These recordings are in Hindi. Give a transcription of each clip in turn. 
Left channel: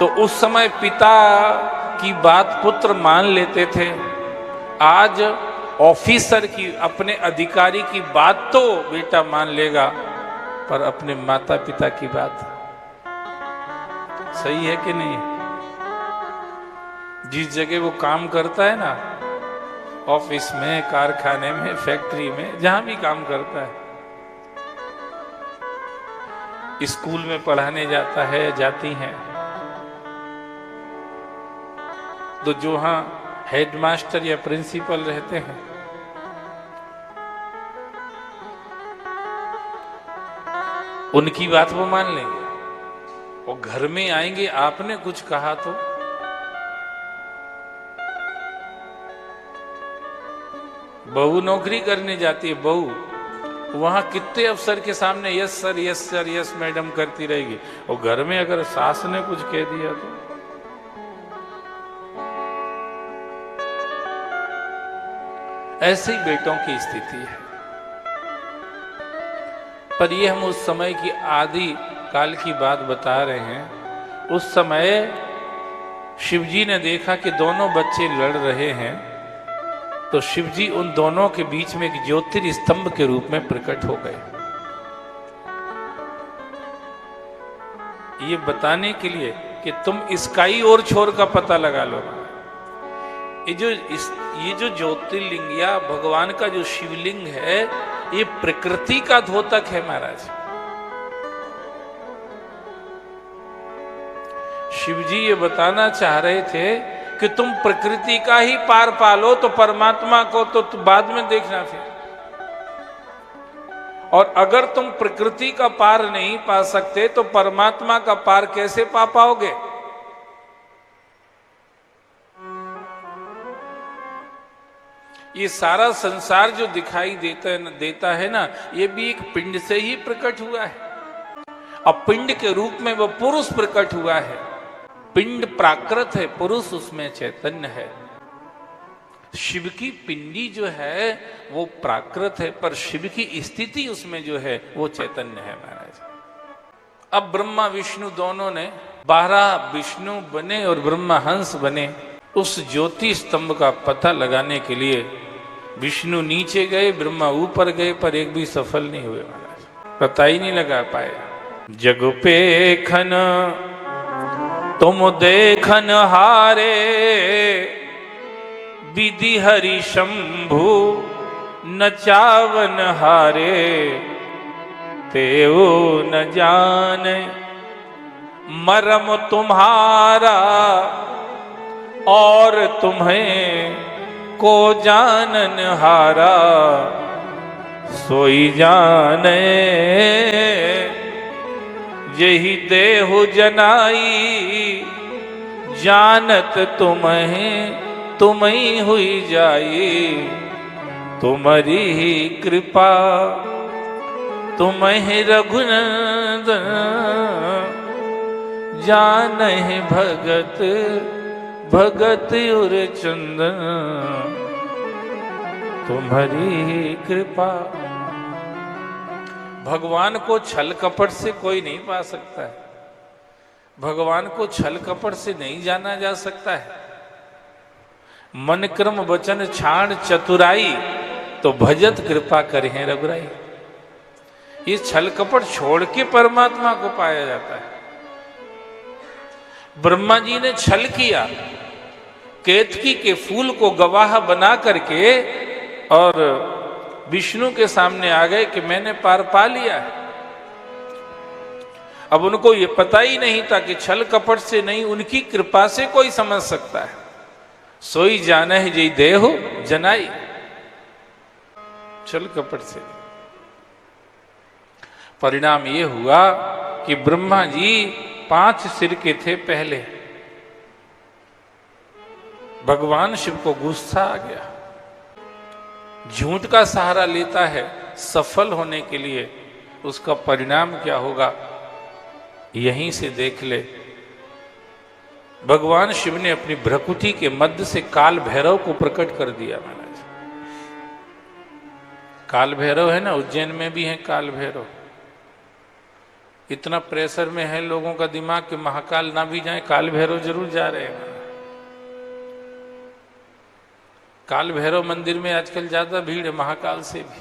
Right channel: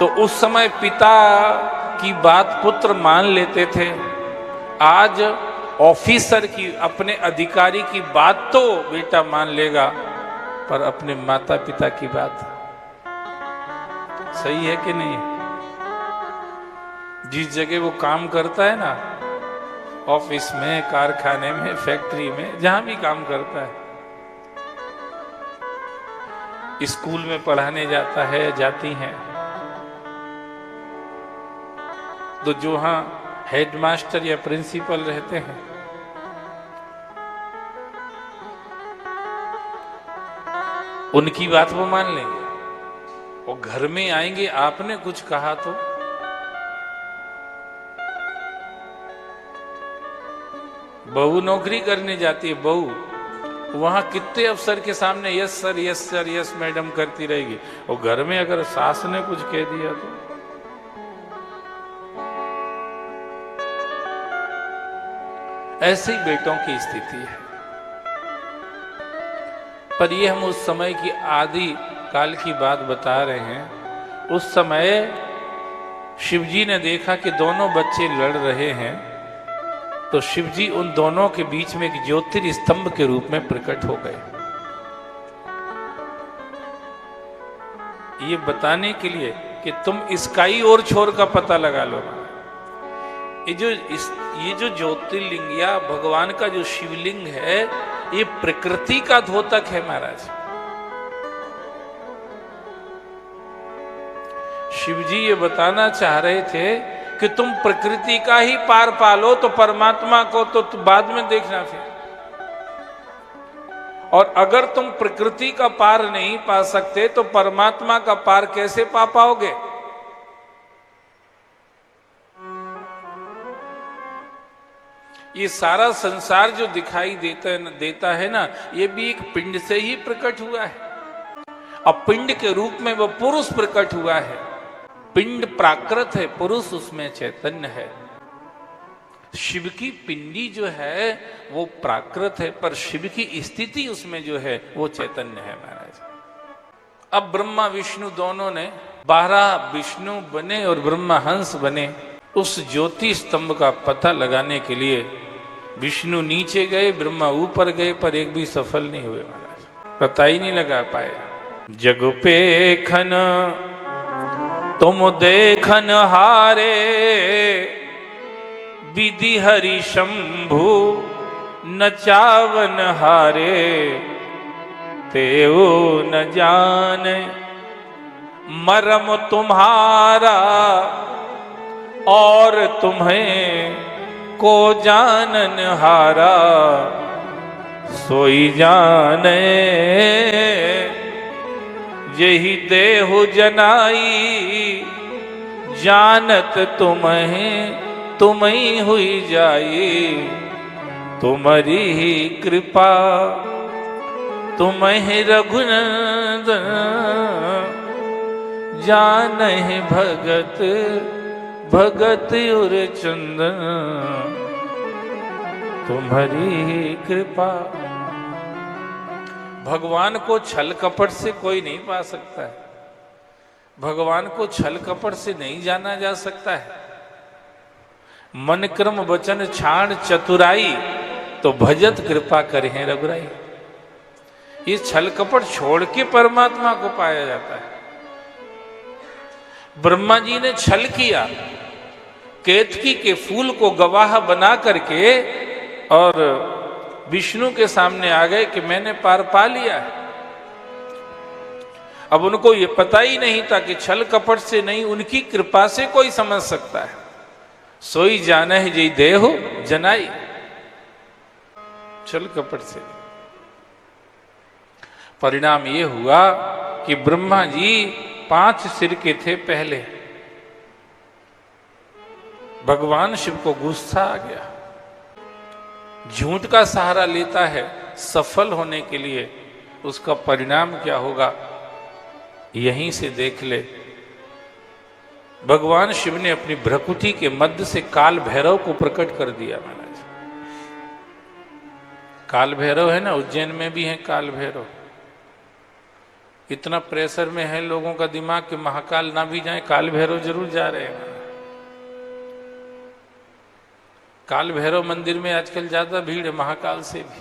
तो उस समय पिता की बात पुत्र मान लेते थे। आज ऑफिसर की, अपने अधिकारी की बात तो बेटा मान लेगा, पर अपने माता पिता की बात सही है कि नहीं? जिस जगह वो काम करता है ना, ऑफिस में, कारखाने में, फैक्ट्री में, जहां भी काम करता है, स्कूल में पढ़ाने जाता है, जाती हैं, तो जो हाँ हेडमास्टर या प्रिंसिपल रहते हैं, उनकी बात वो मान लेंगे। वो घर में आएंगे, आपने कुछ कहा तो बहू नौकरी करने जाती है, बहू वहां कितने अफसर के सामने yes sir, yes sir, yes madam करती रहेगी। और घर में अगर सास ने कुछ कह दिया तो ऐसे ही बेटों की स्थिति है। पर ये हम उस समय की आदि काल की बात बता रहे हैं। उस समय शिवजी ने देखा कि दोनों बच्चे लड़ रहे हैं, तो शिवजी उन दोनों के बीच में एक ज्योतिर्स्तंभ के रूप में प्रकट हो गए, ये बताने के लिए कि तुम इसका ही और छोर का पता लगा लो। ये जो ज्योतिर्लिंग या भगवान का जो शिवलिंग है, ये प्रकृति का द्योतक है महाराज। शिवजी ये बताना चाह रहे थे कि तुम प्रकृति का ही पार पालो, तो परमात्मा को तो बाद में देखना फिर। और अगर तुम प्रकृति का पार नहीं पा सकते, तो परमात्मा का पार कैसे पा पाओगे? ये सारा संसार जो दिखाई देता है ना, ये भी एक पिंड से ही प्रकट हुआ है। अब पिंड के रूप में वो पुरुष प्रकट हुआ है। पिंड प्राकृत है, पुरुष उसमें चैतन्य है। शिव की पिंडी जो है वो प्राकृत है, पर शिव की स्थिति उसमें जो है वो चैतन्य है महाराज। अब ब्रह्मा विष्णु दोनों ने 12 विष्णु बने और ब्रह्मा हंस बने। उस ज्योति स्तंभ का पता लगाने के लिए विष्णु नीचे गए, ब्रह्मा ऊपर गए, पर एक भी सफल नहीं हुए महाराज, पता ही नहीं लगा पाए। जग पेखन तुम देखन हारे, विधि हरि शंभु नचावन हारे, तेओ न जाने मरम तुम्हारा, और तुम्हें को जानन हारा, सोई जाने यही देहु जनाई, जानत तुम्हें तुम ही हुई जाई, तुम्हारी ही कृपा तुम ही रघुनंदन, जानहि भगत भगत उर चंदन, तुम्हारी ही कृपा। भगवान को छल कपट से कोई नहीं पा सकता है, भगवान को छल कपट से नहीं जाना जा सकता है। मन क्रम वचन छाड़ चतुराई, तो भजत कृपा करें रघुराई। ये छल कपट छोड़ के परमात्मा को पाया जाता है। ब्रह्मा जी ने छल किया, केतकी के फूल को गवाह बना करके और विष्णु के सामने आ गए कि मैंने पार पा लिया है। अब उनको ये पता ही नहीं था कि छल कपट से नहीं, उनकी कृपा से कोई समझ सकता है। सोई जाने जी देहु जनाई, छल कपट से। परिणाम ये हुआ कि ब्रह्मा जी 5 सिर के थे पहले। भगवान शिव को गुस्सा आ गया, झूठ का सहारा लेता है सफल होने के लिए, उसका परिणाम क्या होगा यहीं से देख ले। भगवान शिव ने अपनी भ्रकुटी के मध्य से काल भैरव को प्रकट कर दिया महाराज। काल भैरव है ना, उज्जैन में भी है काल भैरव। इतना प्रेशर में है लोगों का दिमाग कि महाकाल ना भी जाए, काल भैरव जरूर जा रहे हैं। काल भैरव मंदिर में आजकल ज्यादा भीड़ है महाकाल से भी।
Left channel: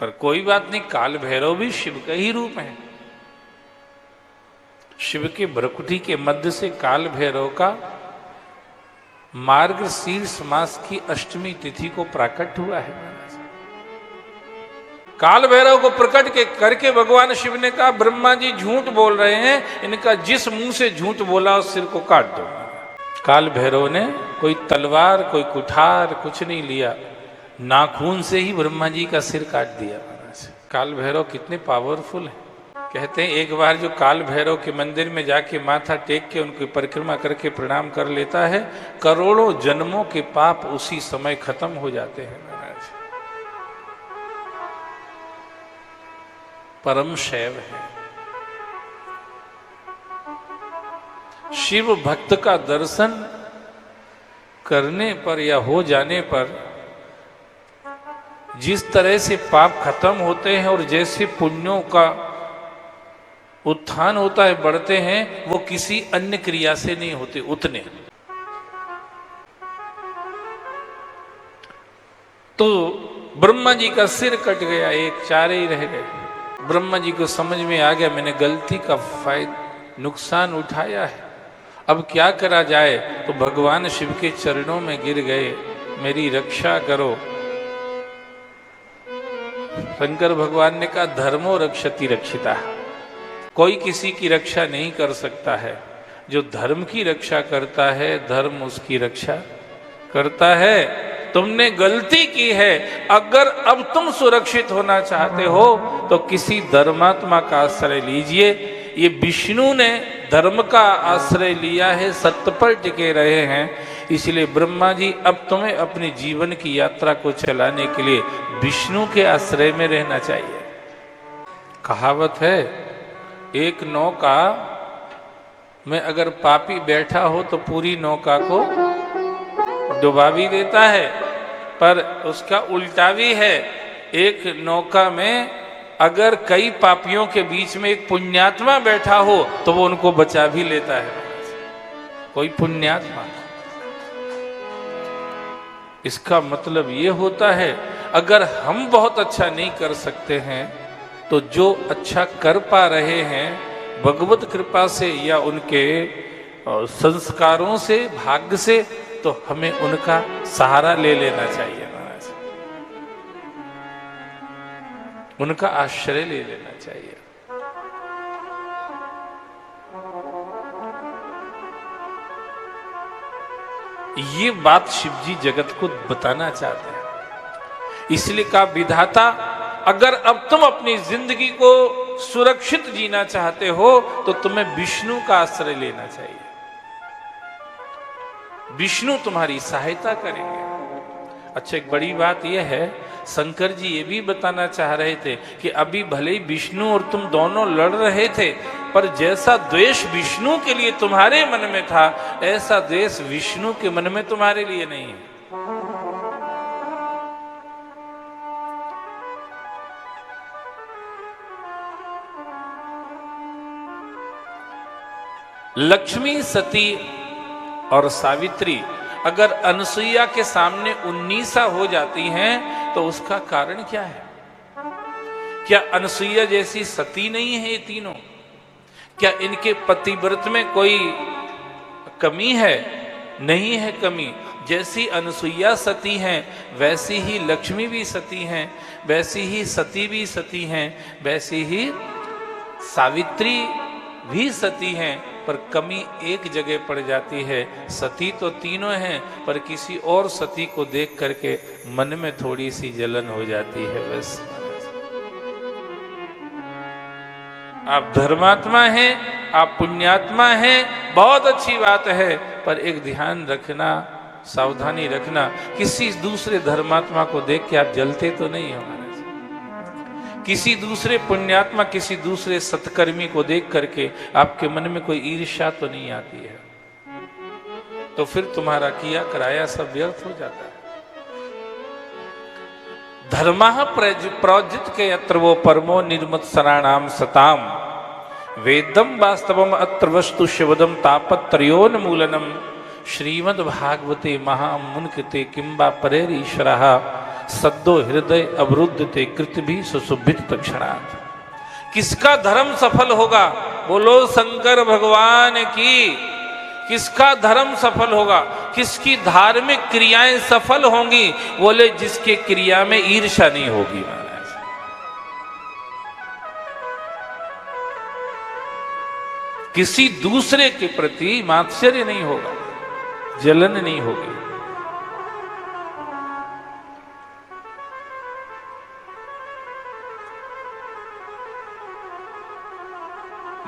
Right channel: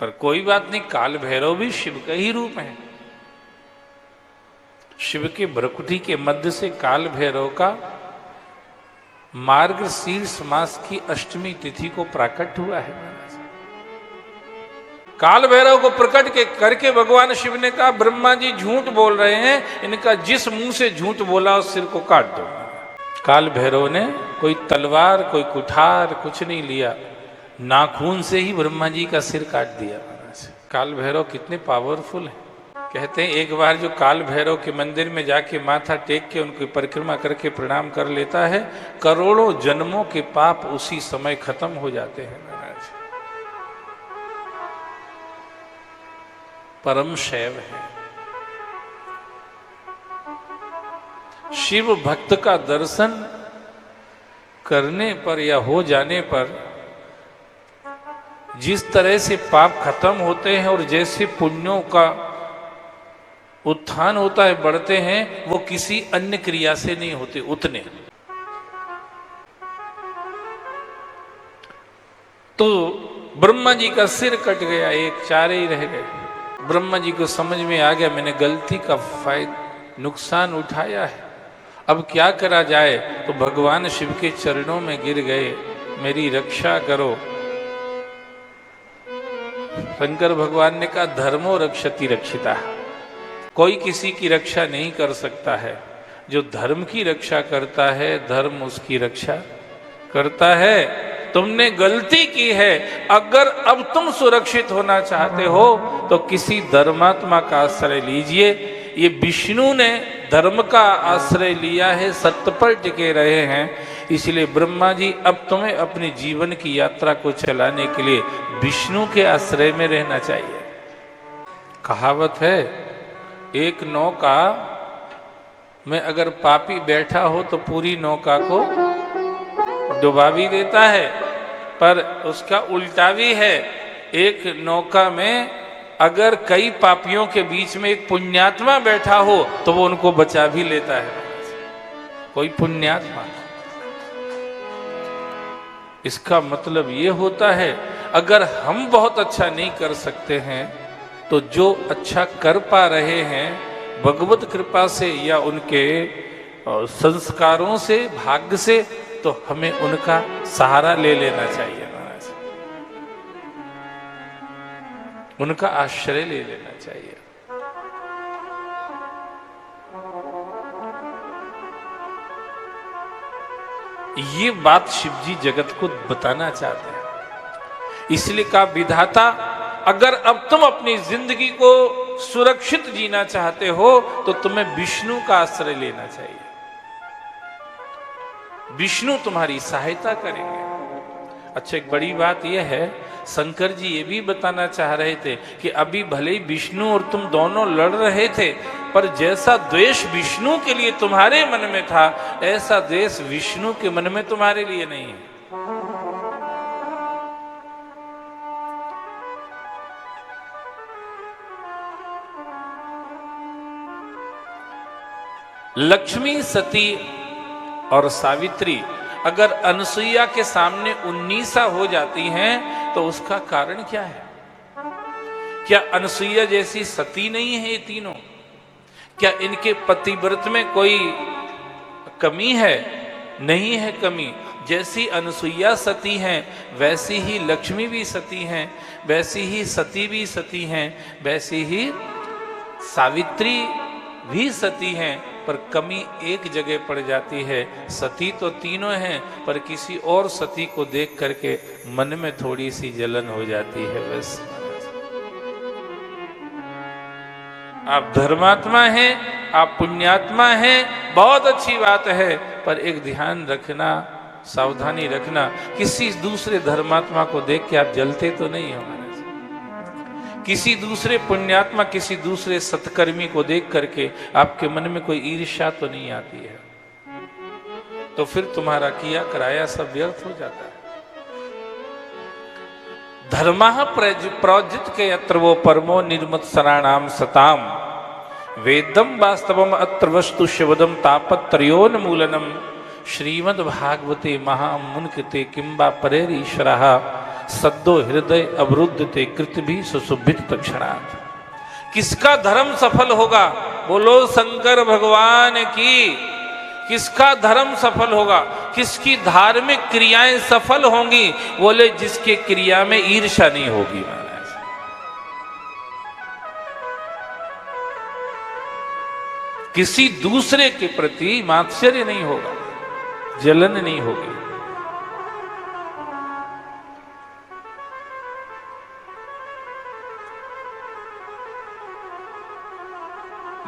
पर कोई बात नहीं, काल भैरव भी शिव का ही रूप है। शिव के भ्रकुटी के मध्य से काल भैरव का मार्गशीर्ष मास की अष्टमी तिथि को प्रकट हुआ है। काल भैरव को प्रकट के करके भगवान शिव ने कहा, ब्रह्मा जी झूठ बोल रहे हैं, इनका जिस मुंह से झूठ बोला उस सिर को काट दो। काल भैरव ने कोई तलवार, कोई कुठार कुछ नहीं लिया, नाखून से ही ब्रह्मा जी का सिर काट दिया। काल भैरव कितने पावरफुल हैं। कहते हैं एक बार जो काल भैरव के मंदिर में जाके माथा टेक के उनकी परिक्रमा करके प्रणाम कर लेता है, करोड़ों जन्मों के पाप उसी समय खत्म हो जाते हैं। परम शैव है। शिव भक्त का दर्शन करने पर या हो जाने पर जिस तरह से पाप खत्म होते हैं और जैसे पुण्यों का उत्थान होता है, बढ़ते हैं, वो किसी अन्य क्रिया से नहीं होते उतने। तो ब्रह्मा जी का सिर कट गया, एक चारे ही रह गए। ब्रह्मा जी को समझ में आ गया मैंने गलती का नुकसान उठाया, अब क्या करा जाए। तो भगवान शिव के चरणों में गिर गए, मेरी रक्षा करो। शंकर भगवान ने कहा, धर्मो रक्षति रक्षिता, कोई किसी की रक्षा नहीं कर सकता है, जो धर्म की रक्षा करता है धर्म उसकी रक्षा करता है। तुमने गलती की है, अगर अब तुम सुरक्षित होना चाहते हो तो किसी धर्मात्मा का आश्रय लीजिए। ये विष्णु ने धर्म का आश्रय लिया है, सत्य पर टिके रहे हैं, इसलिए ब्रह्मा जी अब तुम्हें अपने जीवन की यात्रा को चलाने के लिए विष्णु के आश्रय में रहना चाहिए। कहावत है, एक नौका में अगर पापी बैठा हो तो पूरी नौका को डुबा भी देता है, पर उसका उल्टा भी है। एक नौका में अगर कई पापियों के बीच में एक पुण्यात्मा बैठा हो तो वो उनको बचा भी लेता है। कोई पुण्यात्मा। इसका मतलब ये होता है, अगर हम बहुत अच्छा नहीं कर सकते हैं तो जो अच्छा कर पा रहे हैं भगवत कृपा से या उनके संस्कारों से, भाग्य से, तो हमें उनका सहारा ले लेना चाहिए, उनका आश्रय ले लेना चाहिए। ये बात शिव जी जगत को बताना चाहते हैं। इसलिए कहा, विधाता अगर अब तुम अपनी जिंदगी को सुरक्षित जीना चाहते हो तो तुम्हें विष्णु का आश्रय लेना चाहिए। विष्णु तुम्हारी सहायता करेंगे। अच्छा, एक बड़ी बात यह है, शंकर जी ये भी बताना चाह रहे थे कि अभी भले ही विष्णु और तुम दोनों लड़ रहे थे, पर जैसा द्वेष विष्णु के लिए तुम्हारे मन में था, ऐसा द्वेष विष्णु के मन में तुम्हारे लिए नहीं है। लक्ष्मी, सती और सावित्री अगर अनसुईया के सामने 19 हो जाती हैं तो उसका कारण क्या है? क्या अनसुईया जैसी सती नहीं है ये तीनों? क्या इनके पतिव्रत में कोई कमी है? नहीं है कमी। जैसी अनसुईया सती हैं वैसी ही लक्ष्मी भी सती हैं, वैसी ही सती भी सती हैं, वैसी ही सावित्री भी सती हैं, पर कमी एक जगह पड़ जाती है। सती तो तीनों हैं, पर किसी और सती को देख करके मन में थोड़ी सी जलन हो जाती है। बस आप धर्मात्मा हैं, आप पुण्यात्मा हैं, बहुत अच्छी बात है, पर एक ध्यान रखना, सावधानी रखना, किसी दूसरे धर्मात्मा को देख के आप जलते तो नहीं हमारे से। किसी दूसरे पुण्यात्मा, किसी दूसरे सत्कर्मी को देख करके आपके मन में कोई ईर्ष्या तो नहीं आती है, तो फिर तुम्हारा किया कराया सब व्यर्थ हो जाता है। धर्मः प्रौज्यत के यत्र वो परमो निर्मत्सराणाम सताम। वेदम वास्तवम अत्र वस्तु शिवदम तापत्रयोन्मूलनम श्रीमद् भागवते महामुनिकृते किंबा परेरीश्वरः सद्दो हृदय अवरुद्धते कृतभि सुसुभित क्षणात्। किसका धर्म सफल होगा? बोलो शंकर भगवान की। किसका धर्म सफल होगा? किसकी धार्मिक क्रियाएं सफल होंगी? बोले जिसकी क्रिया में ईर्ष्या नहीं होगी महाराज। किसी दूसरे के प्रति मात्सर्य नहीं होगा, जलन नहीं होगी।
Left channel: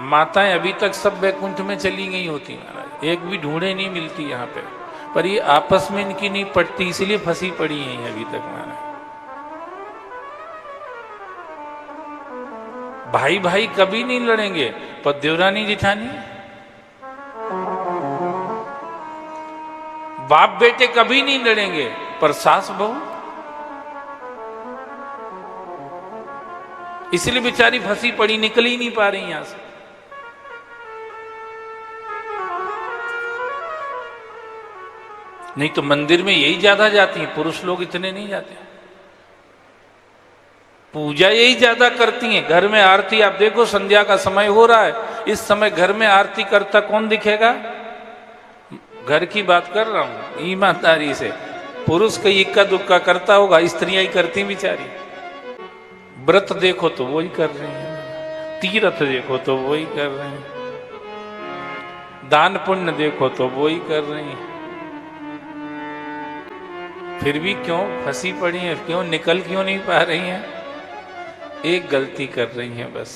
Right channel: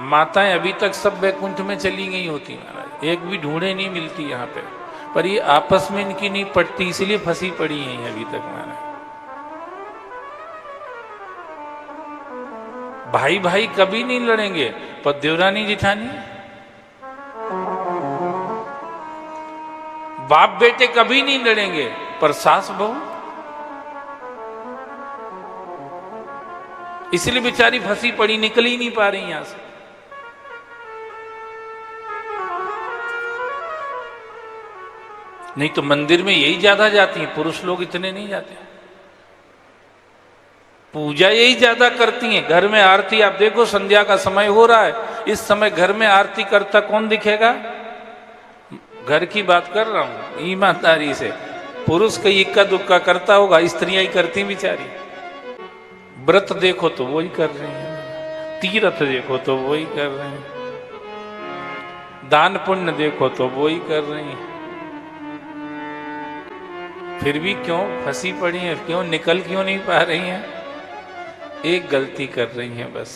माताएं अभी तक सब वैकुंठ में चली गई होती है, एक भी ढूंढे नहीं मिलती यहाँ पे, पर ये आपस में इनकी नहीं पटती, इसलिए फंसी पड़ी है अभी तक हमारा। भाई भाई कभी नहीं लड़ेंगे, पर देवरानी जिठानी, बाप बेटे कभी नहीं लड़ेंगे, पर सास बहू, इसलिए बेचारी फंसी पड़ी, निकल ही नहीं पा रही यहां से। नहीं तो मंदिर में यही ज्यादा जाती हैं, पुरुष लोग इतने नहीं जाते। पूजा यही ज्यादा करती हैं। घर में आरती, आप देखो संध्या का समय हो रहा है, इस समय घर में आरती करता कौन दिखेगा? घर की बात कर रहा हूं, ईमानदारी से। पुरुष का इक्का दुक्का करता होगा, स्त्रियां ही करती बेचारी। व्रत देखो तो वही कर रही है, तीर्थ देखो तो वही कर रही है, दान पुण्य देखो तो वही कर रही है, फिर भी क्यों फंसी पड़ी है? क्यों निकल क्यों नहीं पा रही हैं? एक गलती कर रही हैं बस,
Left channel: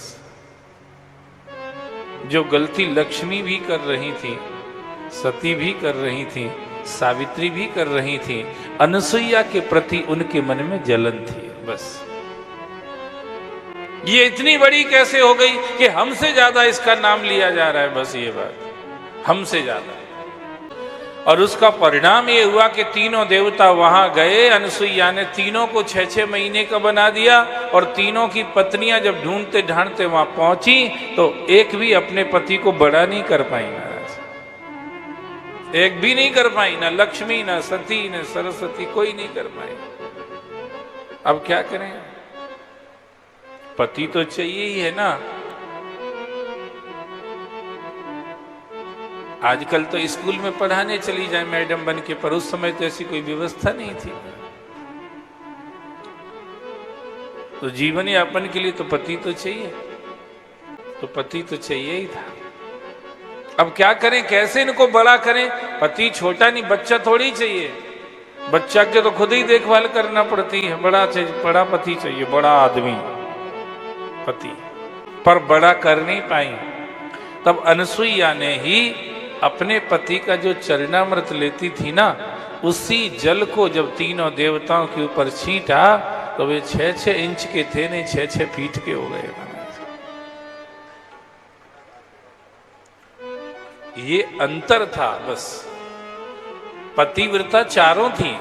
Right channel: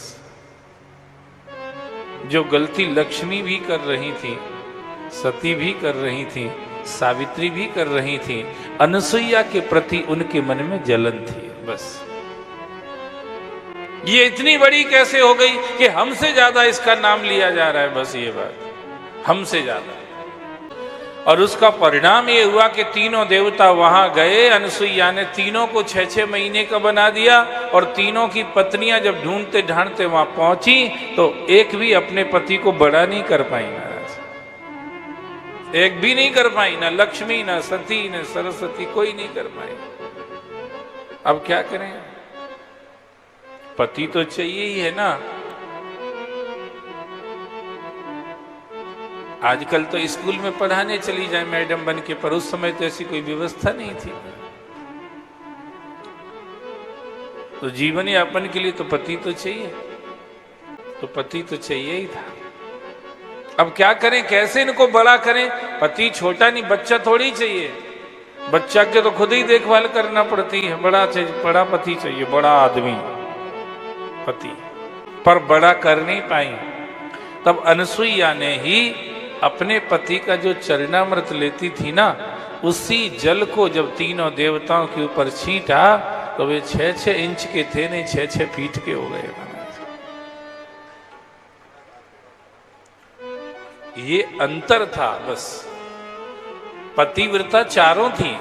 जो गलती लक्ष्मी भी कर रही थी, सती भी कर रही थी, सावित्री भी कर रही थी, अनसुईया के प्रति उनके मन में जलन थी बस। ये इतनी बड़ी कैसे हो गई कि हमसे ज्यादा इसका नाम लिया जा रहा है, बस ये बात, हमसे ज्यादा। और उसका परिणाम ये हुआ कि तीनों देवता वहां गए, अनसुईया ने तीनों को 6-6 महीने का बना दिया, और तीनों की पत्नियां जब ढूंढते ढांढते वहां पहुंची तो एक भी अपने पति को बड़ा नहीं कर पाई महाराज, एक भी नहीं कर पाई, ना लक्ष्मी, ना सती, ना सरस्वती, कोई नहीं कर पाई। अब क्या करें? पति तो चाहिए ही है ना। आजकल तो स्कूल में पढ़ाने चली जाए मैडम बन के, पर उस समय तो ऐसी कोई व्यवस्था नहीं थी। तो जीवन यापन के लिए तो पति तो चाहिए, तो पति तो चाहिए ही था। अब क्या करें, कैसे इनको बड़ा करें? पति छोटा नहीं, बच्चा थोड़ी चाहिए, बच्चा के तो खुद ही देखभाल करना पड़ती है। बड़ा चाहिए, बड़ा पति चाहिए, बड़ा आदमी पति, पर बड़ा कर नहीं पाई। तब अनसुईया ने ही अपने पति का जो चरणामृत लेती थी ना, उसी जल को जब तीनों देवताओं के ऊपर छींटा तो वे 6-6 इंच के थे, नहीं 6-6 फीट के हो गए। ये अंतर था बस। पतिव्रता चारों थी,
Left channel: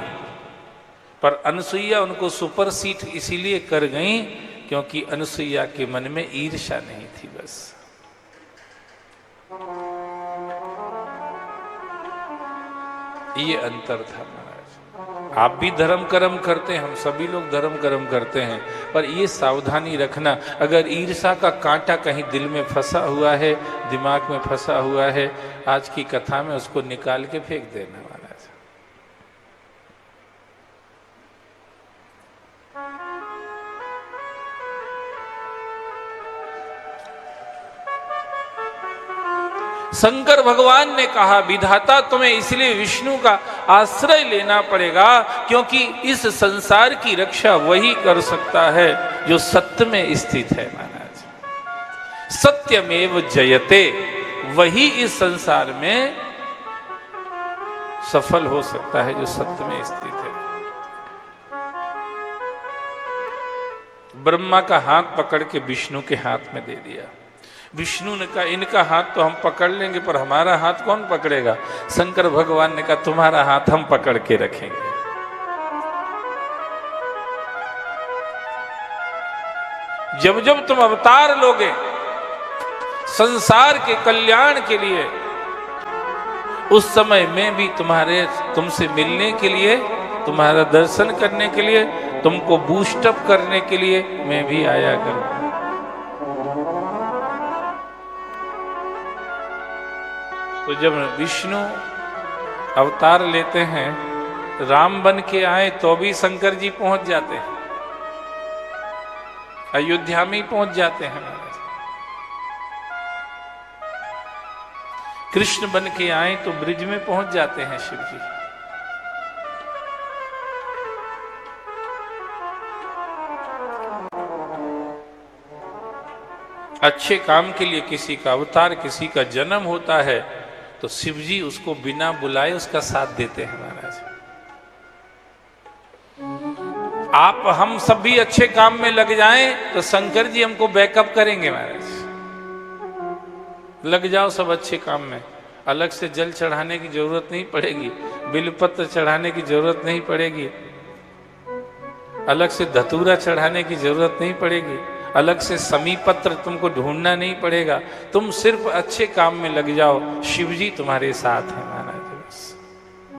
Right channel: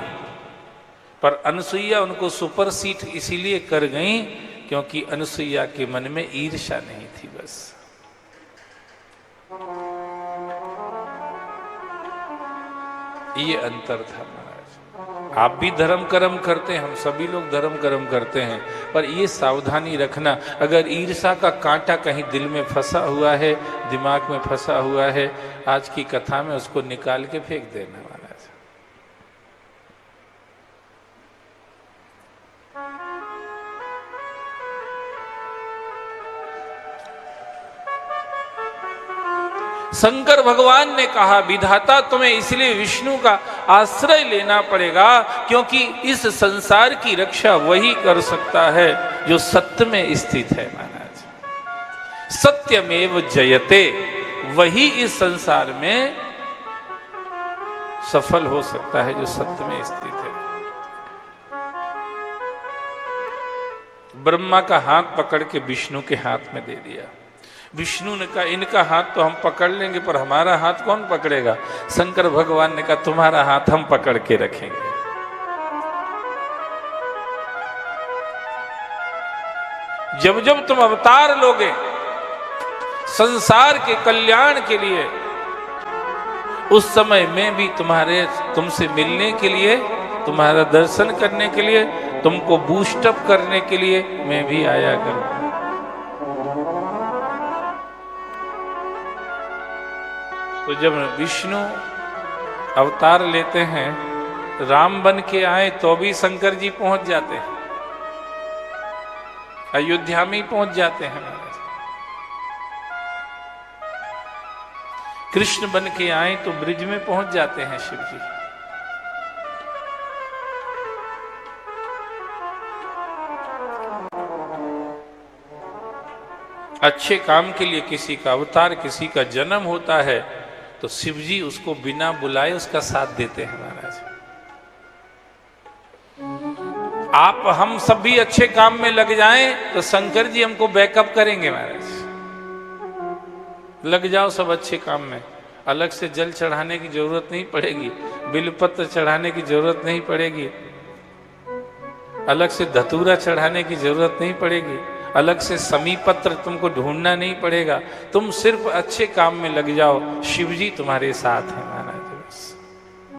पर अनसुईया उनको सुपरसीट इसीलिए कर गई क्योंकि अनसुईया के मन में ईर्ष्या नहीं थी बस। ये अंतर था। आप भी धर्म कर्म करते हैं, हम सभी लोग धर्म कर्म करते हैं, पर ये सावधानी रखना, अगर ईर्ष्या का कांटा कहीं दिल में फंसा हुआ है, दिमाग में फंसा हुआ है, आज की कथा में उसको निकाल के फेंक दें। शंकर भगवान ने कहा, विधाता तुम्हें इसलिए विष्णु का आश्रय लेना पड़ेगा क्योंकि इस संसार की रक्षा वही कर सकता है जो सत्य में स्थित है महाराज। सत्यमेव जयते, वही इस संसार में सफल हो सकता है जो सत्य में स्थित है। ब्रह्मा का हाथ पकड़ के विष्णु के हाथ में दे दिया। विष्णु ने कहा, इनका हाथ तो हम पकड़ लेंगे, पर हमारा हाथ कौन पकड़ेगा? शंकर भगवान ने कहा, तुम्हारा हाथ हम पकड़ के रखेंगे। जब जब तुम अवतार लोगे, संसार के कल्याण के लिए। उस समय मैं भी तुमसे मिलने के लिए, तुम्हारा दर्शन करने के लिए, तुमको बूस्टअप करने के लिए मैं भी आया करूंगा। तो जब विष्णु अवतार लेते हैं, राम बन के आए तो भी शंकर जी पहुंच जाते हैं, अयोध्या में पहुंच जाते हैं महाराज। कृष्ण बन के आए तो ब्रिज में पहुंच जाते हैं शिव जी। अच्छे काम के लिए किसी का अवतार, किसी का जन्म होता है तो शिव जी उसको बिना बुलाए उसका साथ देते हैं महाराज। आप हम सब भी अच्छे काम में लग जाएं तो शंकर जी हमको बैकअप करेंगे महाराज। लग जाओ सब अच्छे काम में, अलग से जल चढ़ाने की जरूरत नहीं पड़ेगी, बिलपत्र चढ़ाने की जरूरत नहीं पड़ेगी, अलग से धतूरा चढ़ाने की जरूरत नहीं पड़ेगी, अलग से समीपत्र तुमको ढूंढना नहीं पड़ेगा। तुम सिर्फ अच्छे काम में लग जाओ, शिव जी तुम्हारे साथ हैं।